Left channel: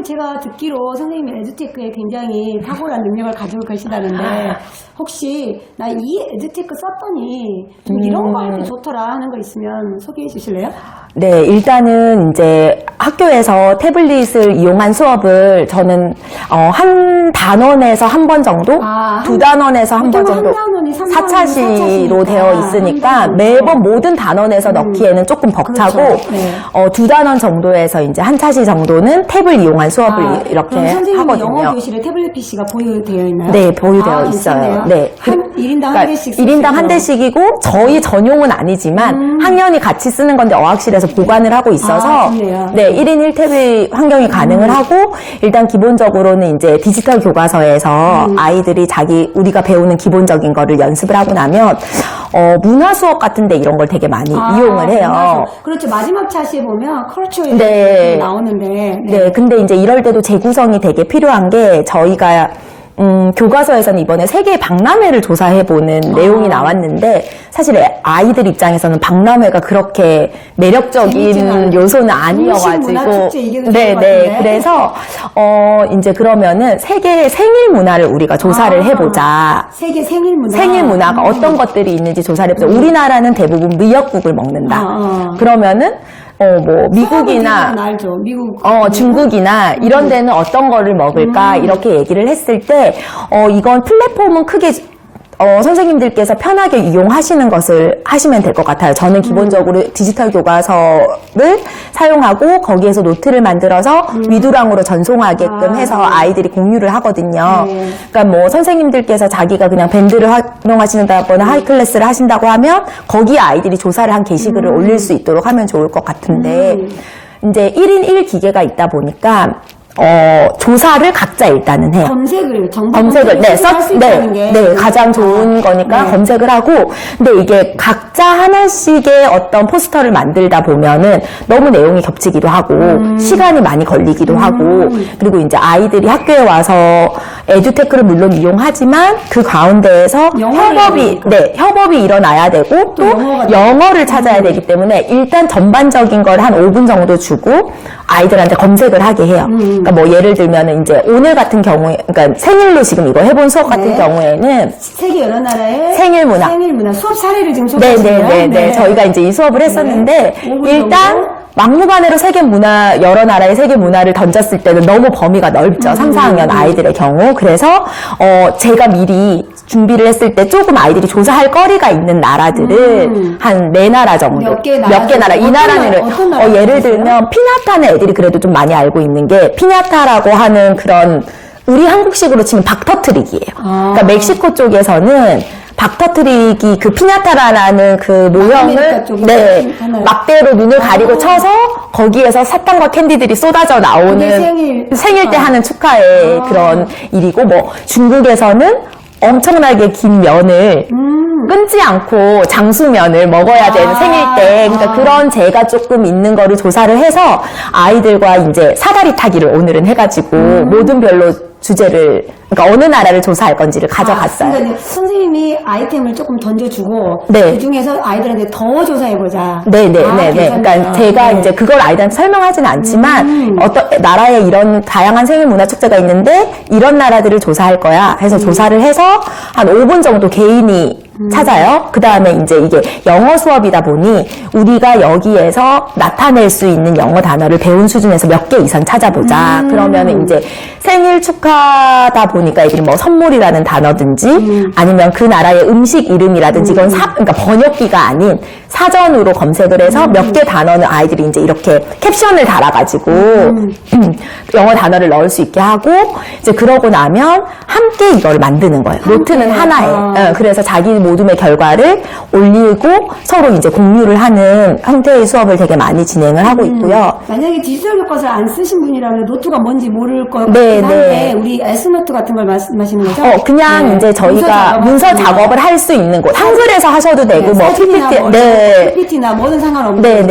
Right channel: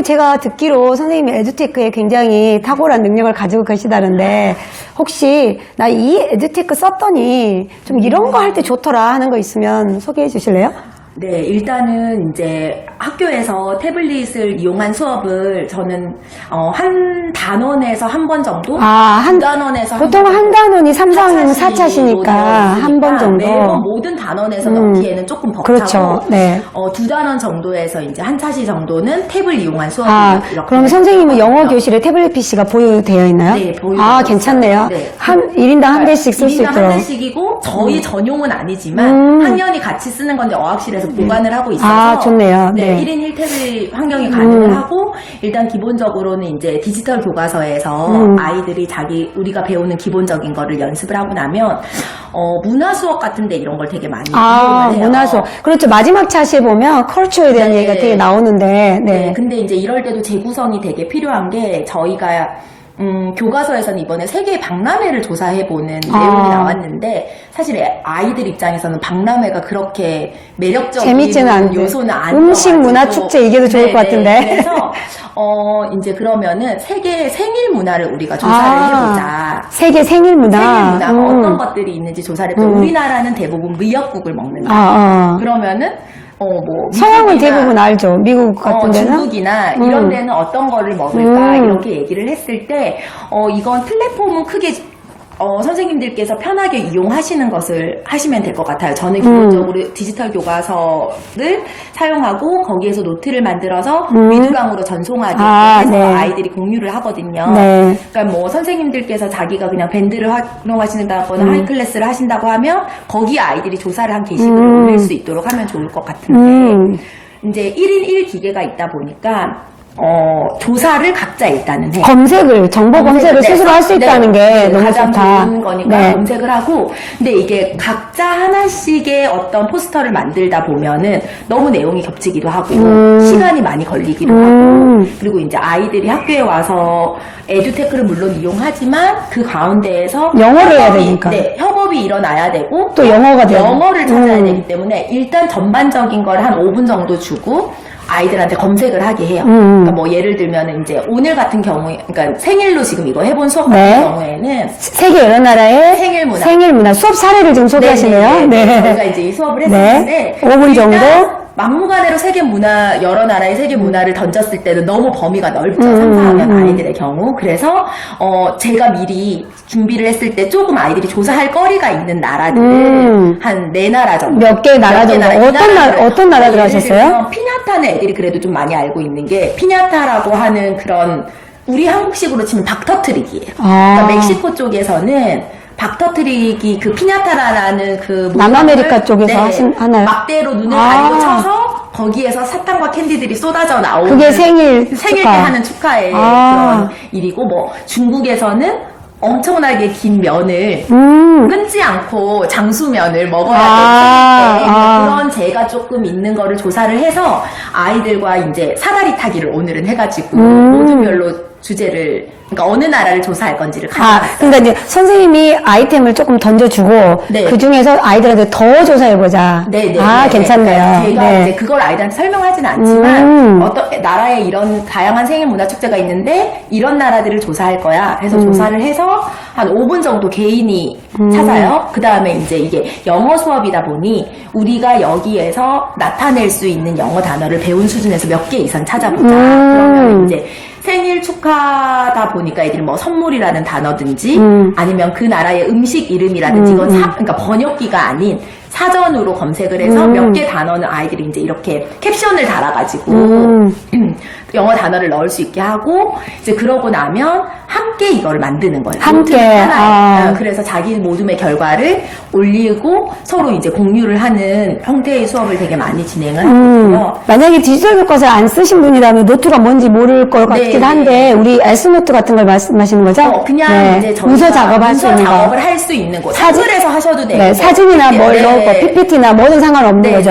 그리고 제가 듣기로 선생님이 에듀테크에 굉장히 탁월한 능력을 가지고 계시다는데 혹시 나 이 에듀테크 썼더니 좀 이런 거 할 때 좋더라 하는 거 있으면 소개해 주실래요? 네, 일단은 이제 학교에서 태블릿을 이용한 수업을 저는 한 단원에서 한 번 정도, 두 단원에서 한 번 보통 정도, 한 단원이 3단원 4차시로 되어 있으니까 매번 모든 단원에서 넣기에는 조금 벅차고, 그렇죠. 네. 두 단원 정도에서 이제 한 차시 정도는 탭을 이용한 수업을 이렇게 그럼 선생님이 하거든요. 영어 교실에 태블릿 PC가 보유되어 있나요? 네, 보유되어 괜찮네요. 있어요. 네. 1인당 한 대씩 쓸 수 1인당 한 있도록. 대씩이고 저희 전용은 아니지만 학년이 같이 쓰는 건데 어학실에서 보관을 하고 있어서 좋네요. 네, 네. 1인 1탭이 환경이 가능을 하고 일단 기본적으로는 이제 디지털 교과서에서 아이들이 우리가 배우는 기본적인 거를 연습을 하고 나면 문화 수업 같은데 이런 걸 되게 많이 이용을 해요. 문화 수업. 그렇죠. 마지막 차시에 보면 컬처에 대한 얘기가 되게 나오는데. 네, 근데 이제 이럴 때도 재구성이 되게 필요한 게 저희가 교과서에서는 이번에 세계 박람회를 조사해보는 내용이 나왔는데 사실 아이들 입장에서는 박람회가 그렇게 매력적인 요소는 아니어가지고 음식 문화 축제 이게 더 좋을 것 같은데. 그래서 이제 그러면은 세계 생일 문화를 우리가 조사를 해보자. 세계 생일 문화. 생일 문화가 어떤 것들이 있는지 조사를 해보자. 우리나라는 대부분 미역국을 먹는다. 그러면은 미국은 대부분 알죠. 미국 중국이나 이런 데는 어떤 거를 먹을까 이렇게 얘기를 했을 때 이건 플랫폼은 크게 선생님들께서 편하게 이용하시는 것을 하시면 될 것 같아요. 저는 기본적으로 디지털 교과서를 사용하고 거기에서 노트를 만들어서 위두랑으로 전송하게끔 해서 아이들이 공유를 하거든요. 그러니까 뭐 선생님들께서 자기가 그냥 밴드를 활용하시는다거나 하이클래스를 하신다고 하면 거기에 아이들이 조사를 한 게시글을 올릴 수 있도록 하면 좋을 것 같은데 이제 1인 1기계가 있다 보니까 조사를 각자 일단은 해요. 정보 검색을 스스로 할 수 있다는 게 가장 좋은 거니까 검색을 하고, 근데 이게 각자 하나씩의 어떤 포스터를 만들다 보면은 너무 내용이 겹치기도 하고, 시간이 많이 걸리기도 하고, 그리고 이제 아이들이 학교에 와서 에듀테크를 물론 이용하지만 그 가운데에서 협업이 일어나야 되고, 또 영어를 찾아야 되기 때문에 일단 전반적인 걸 한 5분 정도 주고, 아이들한테 검색을 하게 해요. 그러니까 뭐 예를 들면 이제 오늘 같은 경우에, 그러니까 생일로 지금 이거 해본 수업 같은 경우에는 세계 여러 나라의 생일 문화 수업 사례를 좀 소개해주세요. 저희가 이제 이 수업을 했었는데 5분 정도 막무가내로 여러 나라의 세계 문화를 던졌을 때는 너무 범위가 넓죠. 3, 4학년 아이들의 경우. 그래서 제가 미리 준비를 했을 때 조금 아이들이 조사할 거리가 있는 나라들을 한 4나라 정도. 몇 개 나라. 어떤 나라 예를 들면 피냐타는 애들이 그래도 좀 많이 알고 있는 게 피냐타라고 하는 그런 우리 한국식으로 치면 박터트리기예요. 그러니까 멕시코 쪽에서는 박터트리기 그 피냐타라는 그 남아메리카 쪽에서 막대로 눈을 가리고 쳐서 거기에서 사탕과 캔디들이 쏟아져 나오는 그게 생일 때 하는 축하의 그런 일이고 뭐 중국에서는 엄청나게 긴 면을 끊지 않고 장수면을 먹어야 되는 생일 때 그러니까 그런 재가 조금 있는 거를 조사를 해서 아이들과 이제 사다리 타기를 오늘은 해가지고 모든 별로 주제를 그러니까 어느 나라를 조사할 건지를 가져갔어요. 그러니까 이제 선생님이 아이템을 조금 던져주고 그 중에서 아이들한테 더 조사해보자. 괜찮네요. 제가 이제 그걸 아이들한테 설명하지는 않지만 어떤 나라에 이런 다양한 생일 문화 축제가 있는데 이런 나라들을 조사할 거야 해서 조사를 해서 한 5분 정도 개인이 찾아요. 그 다음에 이제 이게 영어 수업이다 보니 우리가 여기에서 나타낼 수 있는 영어 단어를 배운 수준에서 몇 개 이상 찾아보자. 그러면 이제 생일 축하다 보니까 애들이 뭐 선물이라는 단어든지 아니면 그 나라의 음식 이름이라든지 이건 그러니까 번역기가 아닌 사전으로 검색을 해서 몇 개 단어는 아이들이 이제 이렇게 캡션을 달아가지고 영어 단어를 넣을 수 있게 하고 이제 그러고 나면 함께 이걸 만드는 거예요. 노트는 하나에. 그래서 자기 모둠의 결과를 올리고 서로 이제 공유를 하는 형태의 수업을 되게 많이 진행을 하고 있고요. 만약에 디지털 교과서 안 쓰신 분이라면 노트가 뭔지 모를 것 같긴 한데 우리 S노트 같은 걸 말씀하시는 거죠? 그냥 이제 저희가 문서 작업을 할 수 있는 곳. 한글에서 하셔도 되고 사진이나 PPT나 뭐든 상관없는 거죠.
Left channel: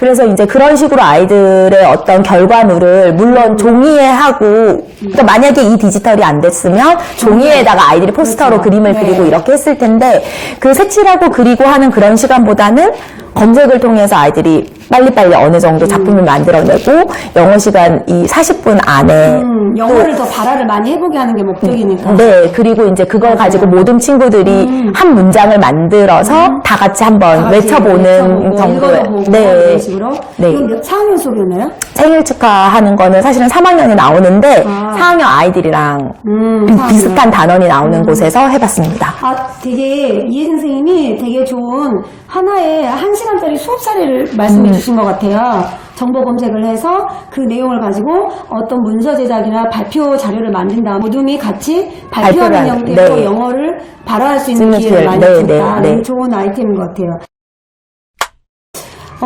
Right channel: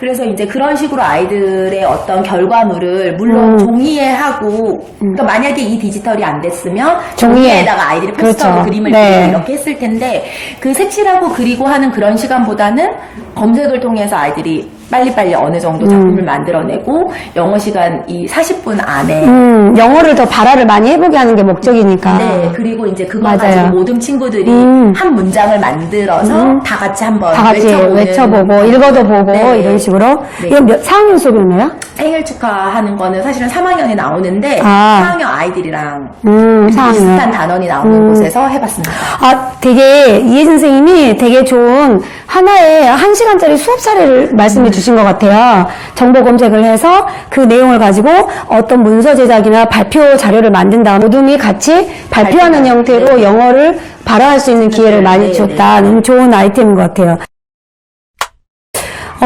그래서 이제 그런 식으로 아이들의 어떤 결과물을 물론 종이에 하고 그러니까 만약에 이 디지털이 안 됐으면 종이에다가 아이들이 포스터로 그림을 그리고 이렇게 했을 텐데 그 색칠하고 그리고 하는 그런 시간보다는 검색을 통해서 아이들이 빨리빨리 어느 정도 작품을 만들어내고 영어 시간 이 40분 안에 영어를 더 발화를 많이 해보게 하는 게 목적이니까. 네, 그리고 이제 그걸 맞아요. 가지고 모든 친구들이 한 문장을 만들어서 다 같이 한번 다 같이 외쳐보는 외쳐보고 정도의- 읽어도 보고 네. 이런 식으로. 네. 이건 4학년 수업이었나요? 생일 축하하는 거는 사실은 3학년이 나오는데 아. 4학년 아이들이랑 4학년. 비슷한 단원이 나오는 곳에서 해봤습니다. 아, 되게 이혜진 선생님이 되게 좋은 하나의 1시간짜리 수업 사례를 말씀해 주신 것 같아요. 정보 검색을 해서 그 내용을 가지고 어떤 문서 제작이나 발표 자료를 만든 다음 모둠이 같이 발표하는 발표하는, 형태로 네. 영어를 발화할 수 있는 기회를 많이 네, 줬다. 네, 네. 좋은 아이템인 것 같아요.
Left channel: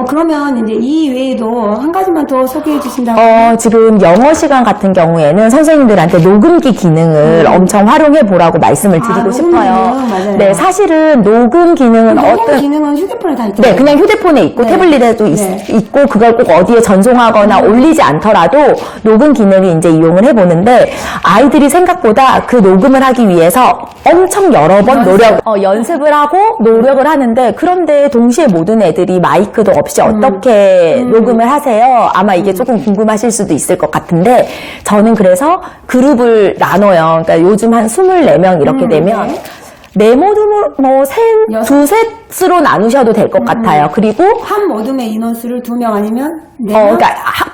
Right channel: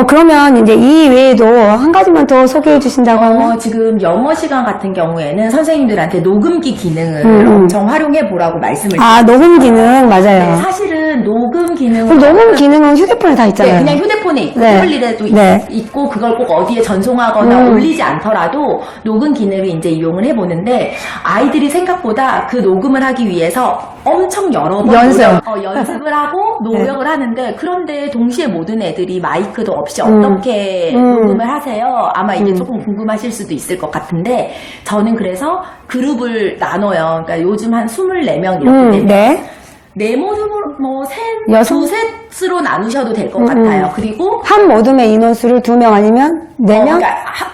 그러면 이제 이 외에도 한 가지만 더 소개해 주신다면? 지금 영어 시간 같은 경우에는 선생님들한테 녹음기 기능을 엄청 활용해 보라고 말씀을 드리고 아, 녹음 싶어요. 기능, 맞아요. 네, 사실은 녹음 기능은 그럼 녹음 어떤- 기능은 휴대폰에 다 있잖아요. 네, 그냥 휴대폰에 있고 네. 태블릿에도 네. 있고 그걸 꼭 어디에 전송하거나 올리지 않더라도 녹음 기능을 이제 이용을 해보는데 아이들이 생각보다 그 녹음을 하기 위해서 엄청 여러 번 연습을 하고 노력을 하는데 그런데 동시에 모든 애들이 마이크도 없이 어떻게 녹음을 하세요? 아마 이게 조금 궁금하실 수도 있을 것 같은데 저는 그래서 그룹을 나눠요. 그러니까 요즘 한 24명 이렇게 되면 네. 네모듬으로 두셋으로 나누셔도 될 것 같아요. 그리고 한 모둠의 인원수를 2명 아니면 4명? 그러니까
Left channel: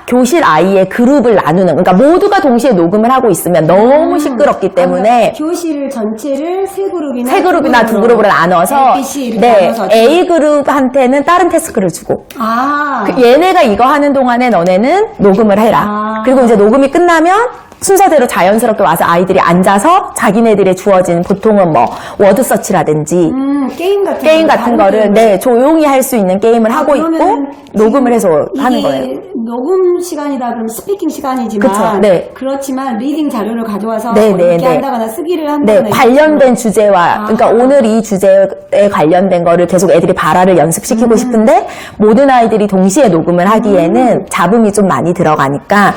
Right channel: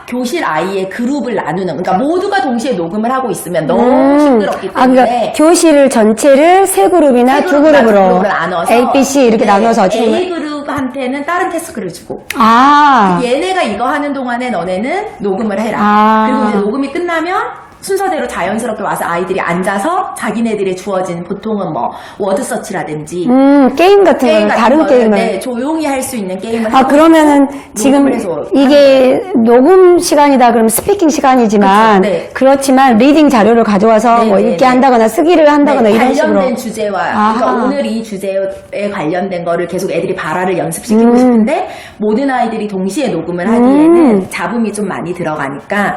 교실 아이의 그룹을 나누는, 그러니까 모두가 동시에 녹음을 하고 있으면 너무 시끄럽기 때문에 그러니까 교실을 전체를 세 그룹이나 세 그룹이나 두 그룹으로 나눠서 A, B, C 이렇게 나눠서 A 그룹한테는 다른 태스크를 주고 아, 얘네가 이거 하는 동안에 너네는 녹음을 해라. 아. 그리고 이제 녹음이 끝나면 순서대로 자연스럽게 와서 아이들이 앉아서 자기네들의 주어진 보통은 뭐 워드 서치라든지 게임 같은 게임 같은 다른 거를 게임을. 네, 조용히 할 수 있는 게임을 하고 그러면은 있고 지금 녹음을 해서 하는 거예요. 이게 녹음 시간이다 그러면 스피킹 시간이지만 그쵸, 네. 그렇지만 리딩 자료를 가져와서 네, 뭐 네, 읽게 네. 한다거나 쓰기를 한다거나 네, 이런 관련된 식으로. 주제와 그러니까 아하. 오늘 이 주제에 관련된 거를 계속 애들이 발화를 연습시키고 싶은데 모든 아이들이 동시에 녹음을 하기에는 잡음이 좀 많이 들어가니까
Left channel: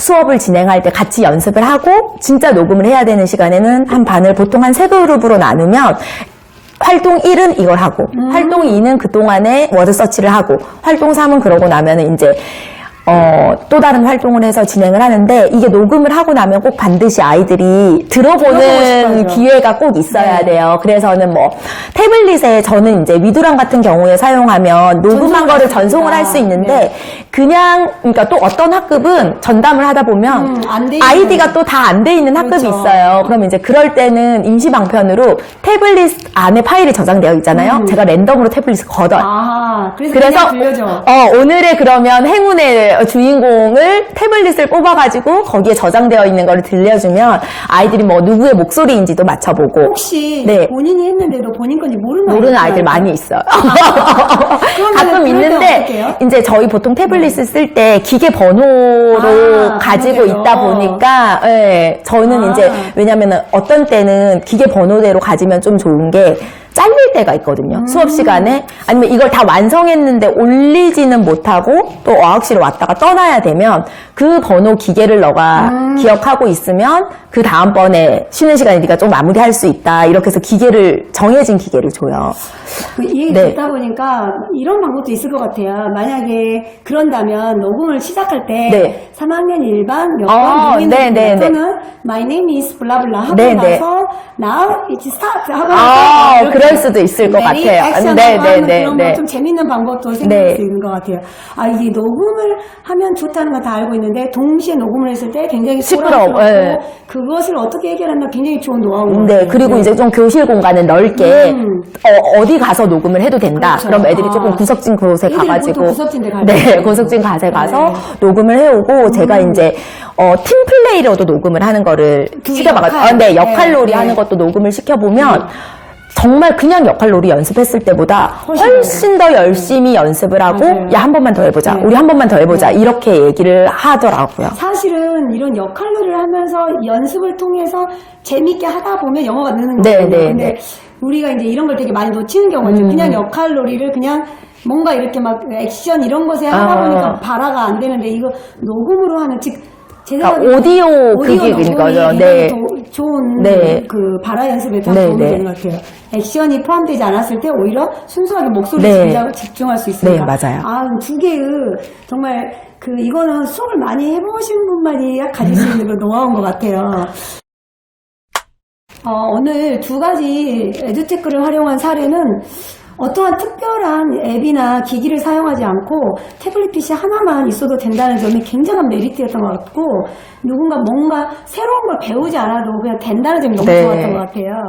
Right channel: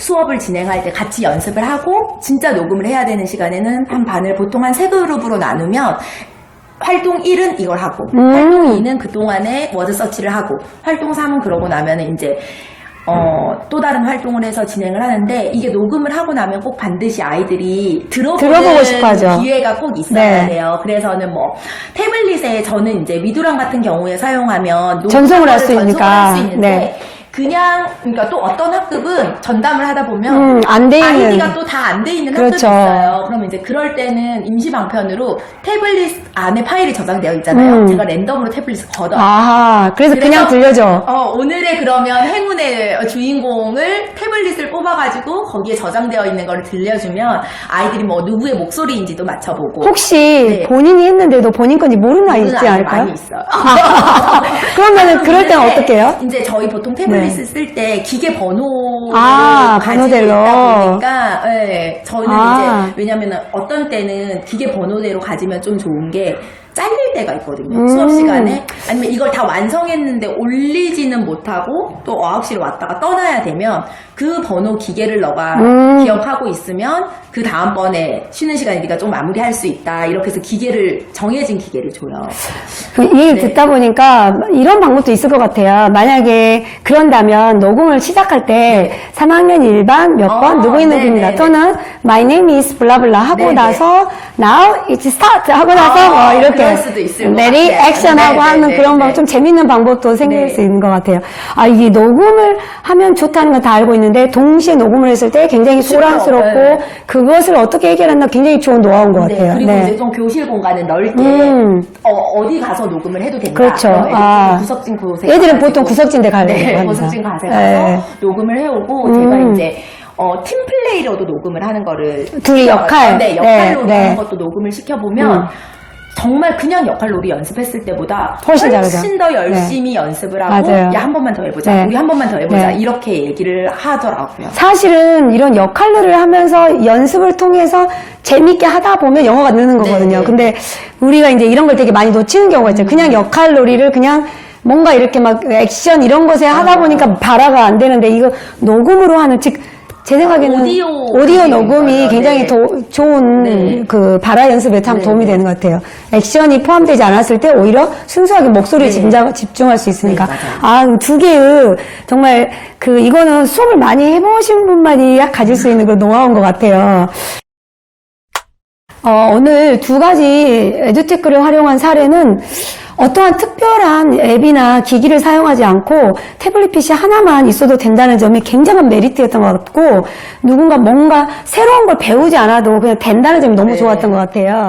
수업을 진행할 때 같이 연습을 하고 진짜 녹음을 해야 되는 시간에는 한 반을 보통 한 3그룹으로 나누면 활동 1은 이걸 하고 활동 2는 그동안에 워드 서치를 하고 활동 3은 그러고 나면은 이제 또 다른 활동을 해서 진행을 하는데 이게 녹음을 하고 나면 꼭 반드시 아이들이 들어보고 싶어 하죠. 들어보는 기회가 꼭 있어야 네. 돼요. 그래서는 뭐 태블릿에 저는 이제 위두랑 같은 경우에 사용하면 녹음한 전송을 할 거를 수 전송을 있으니까. 할 수 있는데 네. 그냥 그러니까 또 어떤 학급은 전담을 하다 보면 안 돼 있는. 아이디가 또 다 안 돼 있는 학급이 그렇죠. 있어요. 그러면 이제 그럴 때는 임시 방편으로 태블릿 안에 파일이 저장되어 있잖아요. 제가 랜덤으로 태블릿을 걷어요. 아하, 그래서 그냥 들려줘. 오늘의 그러면 행운의 주인공을 태블릿을 뽑아가지고 거기에 저장되어 있는 걸 들려주면 아이들이 뭐 누구의 목소리인지도 맞춰보고 혹시 네. 본인이 했는데도 본인 건지 모르는 아이들 모르는 아이들 않을까요? 많이 있어요. 그러면은 가끔 그럴 때는 있는데 어떻게 해요? 이제 저희 보통 태블릿을 쓸 때 기계 번호를 가지고 번호대로. 있다 보니까 예, 저는 아. 이제 왜냐면은 어떤 때는 기계 번호대로 가지면 좀 좋은 게 잘릴 때가 있거든요. 수업 시간에 아니면 이걸 다 완성했는데 올리지는 못하고 또 어학실에 왔다가 떠나야 되면 그 번호 기계를 너가 기억하고 있으면 그 다음번에 쉬는 시간에 네가 좀 마무리할 수 있다. 이렇게 해서 기계를 정해진 기계를 줘요. 이 얘기 네. 듣다 보니까 이런 방법도 있을 것 같아요. 만약에 그런다면 녹음을 시작할 때 네. 3학년 1반 몇 번 누구 있는 네, 분이다 네, 또는 My name is 블라블라 하고 네, 네. 나서 Now it's start 하고 나서 뭐 이렇게 그럴 수도 있을 것 Ready, 같아요. action하고 네, 하는 네, 그런 네. 좀 재밌는 방법도 생길 네. 수 있는 것 같아요. 이게 녹음을 하면 좋다는 건 다 알고 있는데 동시에 녹음을 했을 때 굉장히 소란스럽고 네. 그것을 어떻게 해결한다 굉장히 좋은 노하우인 것 같아요. 네, 그리고 네. 이제 좀 교실 공간을 넓게 어디 가서 녹음을 해도 된다. 그렇죠. 그럼 애들이 아. 조금 구석진 곳에 애들은 가가지고 보통 구석진 데 가요. 네, 구석진 곳에 가서 네. 녹음을 해오고 제가 이제 팀 플레이로도 녹음을 하는 거를 둘이 시켜봤어요. 역할. 네, 역할 네, 놀이 네. 하는 것도 녹음을 시켜보면 정말 그냥 역할 놀이 연습했을 때보다 훨씬 훨씬 더 열심히 연습을 하고 맞아요. 야, 한 번만 더 해보자. 네. 우리 한 번만 더 해보자. 네. 이렇게 얘기를 하더라고요. 사실은 이런 역할들을 하면서 연습을 통해서 재밌게 하다 보면 영어가 느는 네, 거거든요. 네, 근데 우리가 이제 이런 걸 되게 많이 놓치는 경우가 있죠. 그냥 역할놀이를 그냥 뭔가 이렇게 막 액션 이런 것에 하다 보니까 발화가 안 되는데 이거 녹음으로 하는 즉 제 생각에는 오디오 녹음이 거죠. 굉장히 네. 더 좋은 네. 그 발화 연습에 참 네, 도움이 네. 되는 것 같아요. 액션이 포함되지 않았을 때 오히려 순수하게 목소리에 네. 집중할 수 있으니까. 네, 맞아요. 아, 두 개의 정말 이거는 수업을 많이 해보신 분만이 가질 수 있는 그 노하우인 것 같아요. 오늘 두 가지 에듀테크를 활용한 사례는 어떠한 특별한 앱이나 기기를 사용하지 않고 태블릿 PC 하나만 있어도 된다는 점이 굉장한 메리트였던 것 같고, 누군가 뭔가 새로운 걸 배우지 않아도 그냥 된다는 점이 너무 네. 좋았던 것 같아요.